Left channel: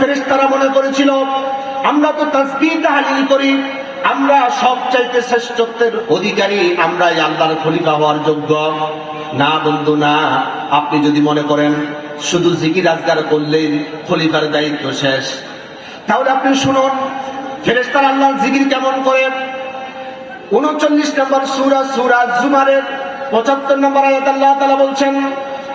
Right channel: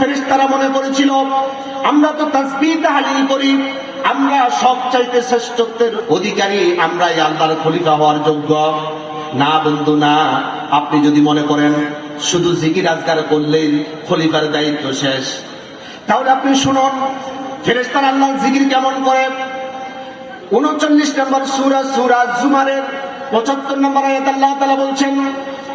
ফেরেশতারা মনে করেছিল, আমরা তো তাসবিহ তাহলিল করি, আমরা সব চাইতে শ্রেষ্ঠত্বের অধিকারী আমরাই আল্লাহর খলিফা হওয়ার যোগ্য। না বন্ধু, না। আপনি যদি মনে করেন, শুধু জিকির আজগার করলেন খলিফার দায়িত্ব শেষ। তাহলে আপনি শুনুন ফেরেস্তার আল্লাহর জিকির কেমন করে? উনচল্লিশ নম্বর সুরা সুরা জুমারের পঁচাত্তর নম্বর আয়াত আল্লাহ তাআলা বলছেন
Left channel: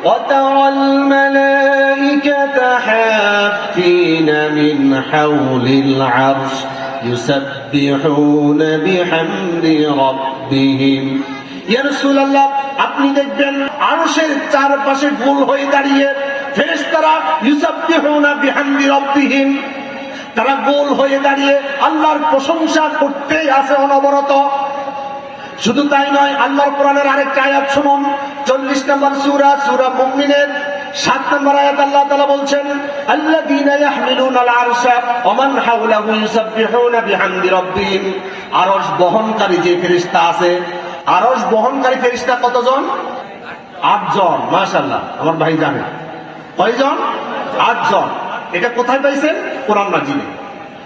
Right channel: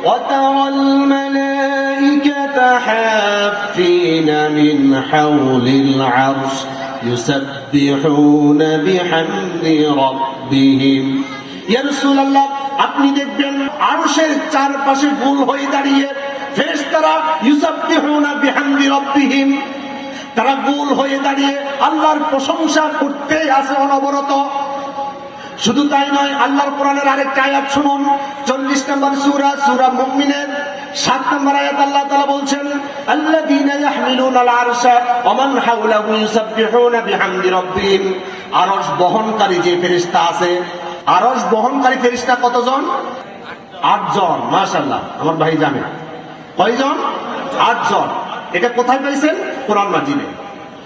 وترى الملائكة حافين من حول العرش يسبحون بحمد ربهم يا رسول الله আপনি দেখবেন আরশের চারপাশে গোল হয়ে দাঁড়িয়ে ফেরেশতারা ইউসাব্বিহুনা বিহামদি রাব্বিহিম তারা গোল হয়ে দাঁড়িয়ে আল্লাহর প্রশংসা করতেই আছে অনবরত শুধু তাই নয়, আল্লাহর কোরআনের আরেকটা আয়াত শুনুন। চল্লিশ নম্বর সুরা সুরা মুমিনের। সাত বলছেন বহনকারী যে আছে বহনকারী কতজন? আটজন ভাই জানে। কয়জন? আটজন। এটা কোথায় পাইছেন? কোরআন মাজিদে।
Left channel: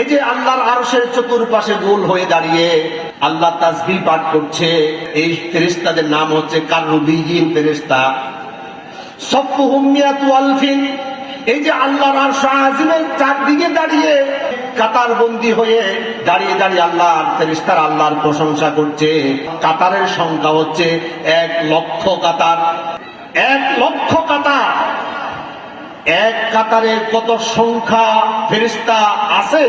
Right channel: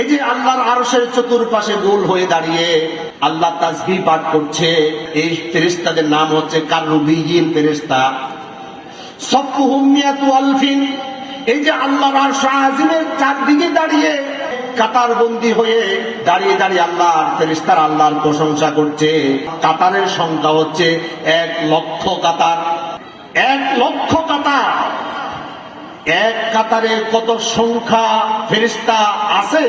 এই যে আল্লাহর আরশের চতুর্পাশে গোল হয়ে দাঁড়িয়ে আল্লাহ তাসবিহ পাঠ করছে, এই ফেরেশতাদের নাম হচ্ছে কারনুবিয়িন ফেরেশতা। সফুহুম মিয়াতু আলফিন। এই যে আল্লাহর চারদিকে দাঁড়িয়ে কাতার বন্দী হয়ে দাঁড়িয়ে দাঁড়িয়ে আল্লাহর ফেরেশতারা আল্লাহর প্রশংসা করছে। কাতারের সংখ্যা হচ্ছে এক লক্ষ কাতার। এক লক্ষ কাতার। এক কাতারে কত সংখ্যা ফেরিস্তা আছে।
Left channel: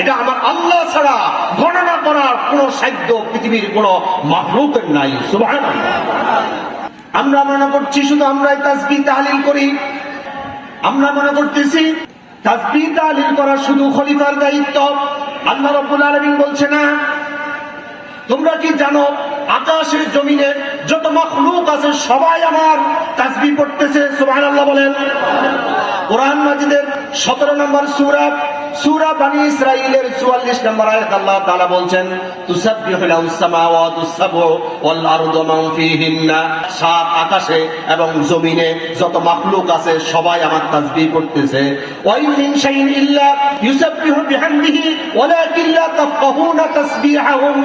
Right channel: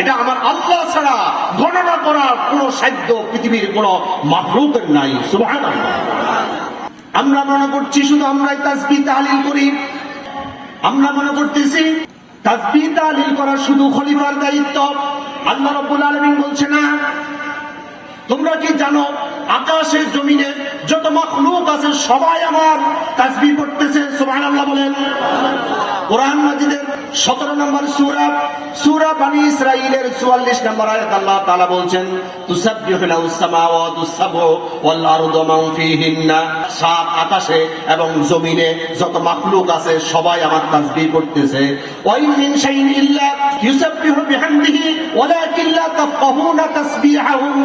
এটা আমার আল্লাহ ছাড়া গণনা করার কোন সাধ্য পৃথিবীর কোন মাহলুকের নাই। আমরা মনে করছি শুধু আমরাই তাসবিহ তাহলিল করি। আমরা মনে করতেছি তাসবিহ তাহলিল করা শুধু খলিফার দায়িত্ব। আল্লাহ রাব্বুল আলামিন বলছে না। তোমরা কি জানো আকাশের জমিনে যত মখলুক আছে, সবাই আমার তাসবিহ পড়তেছে, সুবহানাল্লাহ বলেন। কোরআন মাজিদের 17 নম্বর সূরা সূরা বনি ইসরাঈলের 44 নম্বর আয়াত আল্লাহ আকাশে এবং জমিনে যত আছে, সবাই আমার করতেছে প্রত্যেকে আমার তাসবিহ করতেছে ওরা কিল্লা তাফকাহু না তাসবিহাহুম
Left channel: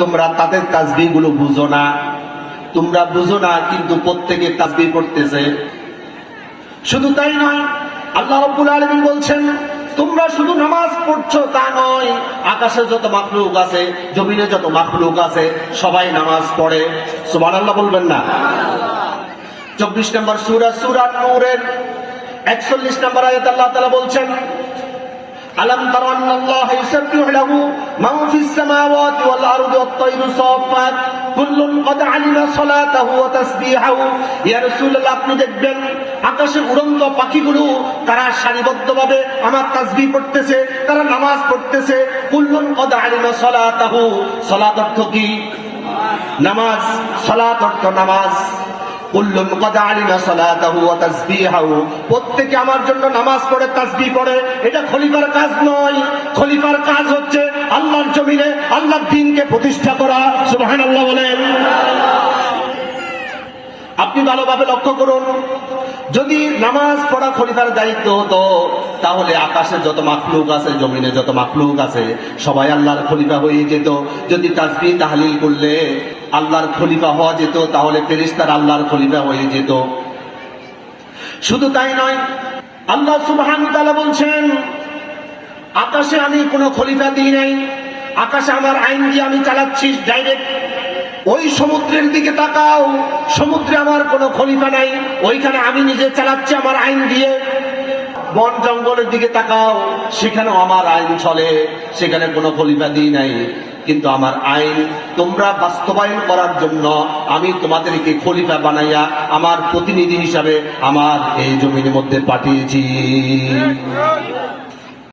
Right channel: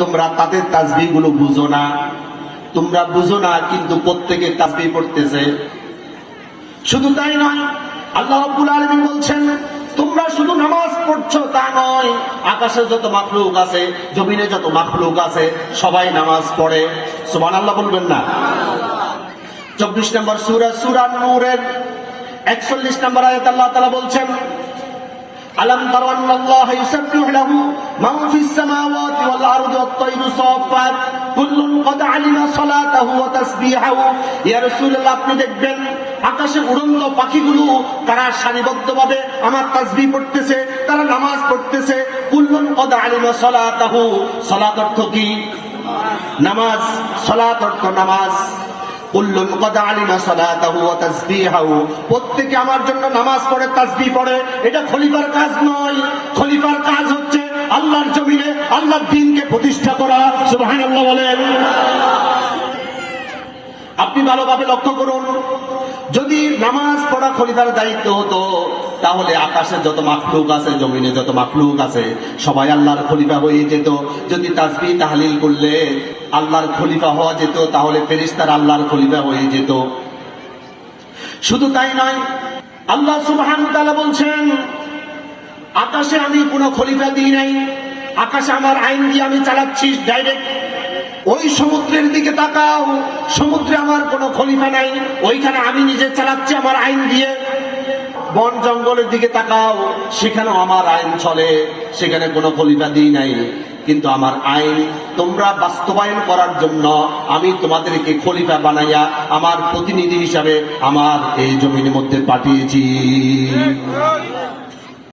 তোমরা তাদের তাসবিহগুলো বুঝো না। তোমরা বুঝো না, কিন্তু প্রত্যেকে তাসবিহ করতেছে শুধু তাই না, আল্লাহ রাব্বুল আলামিন বলছেন, তোমরা শুধু নামাজ পড়ছো তা নয়, আকাশে যত মাখলুক আছে, জমিনে যত মাখলুক আছে, সবাই নামাজ পড়ে। সুবহানাল্লাহ বলবেন না। চব্বিশ নম্বর সুরা সুরা নূরের একচল্লিশ নম্বর আয়াত আল্লাহ তাআলা বলছেন ألم تر أن الله يسبح له من في السماوات والأرض والطير صافات كل قد علم صلاته وتسبيحه يا رسول الله আপনি দেখবেন আকাশে উড়ন্ত পাখিগুলো তারা সারিবদ্ধভাবে আমার তাসবিহ পড়তেছে তারা নামাজ পড়তেছে কুল্লুন কদ আলিমা সলাতাহু সলাত অর্থ কি নামাজ সলাত অর্থ নামাজ প্রত্যেকে আমার জন্য নামাজ পড়ে, তাসবিহ পড়ে। এটা খলিফার কাজ নয়। খলিফার কাজ হচ্ছে আল্লাহর জমিনে আল্লাহর দিনকে প্রতিষ্ঠা করা। সুবহানাল্লাহ বলেন। আপনি ভালোভাবে লক্ষ্য করুন। যদি নামাজ পড়া খলিফার দায়িত্ব হতো, তাহলে আকাশে যত মাখলুক আছে, জমিনে যত মাখলুক আছে, সবাই আল্লাহর খলিফা হয়ে যেত। যদি তাসবিহ তাহলিল করলে আল্লাহর খলিফা হওয়া যেত, তাহলে ফেরিস্তার আল্লাহর খলিফা হয়ে যেত। শুধু তাই নয়, আল্লাহ সুবহানাহু ওয়া তাআলা বলছেন, আকাশে আমি কোনো খলিফা দিই নাই, আকাশে আমার আইন দিয়ে আমি চালাচ্ছি ডাইরেক্ট ওই সমুদ্রের দিকে তাকাও। সমুদ্রে আমার কোনো খলিফা নাই। ওইখানে আমি নিজে চালাচ্ছি আমার আইন দিয়ে। বন জঙ্গলের দিকে তাকাও। সেখানেও আমার আইন চলে। সেখানে কোনো খলিফা দিই নাই। কিন্তু আমার আইন তোমরা বাস্তবায়ন করার জন্য আমি তোমাদেরকে খলিফা বানাইয়া আমার প্রতিনিধি হিসাবে আমার এই জমির মধ্যে পাঠিয়েছি।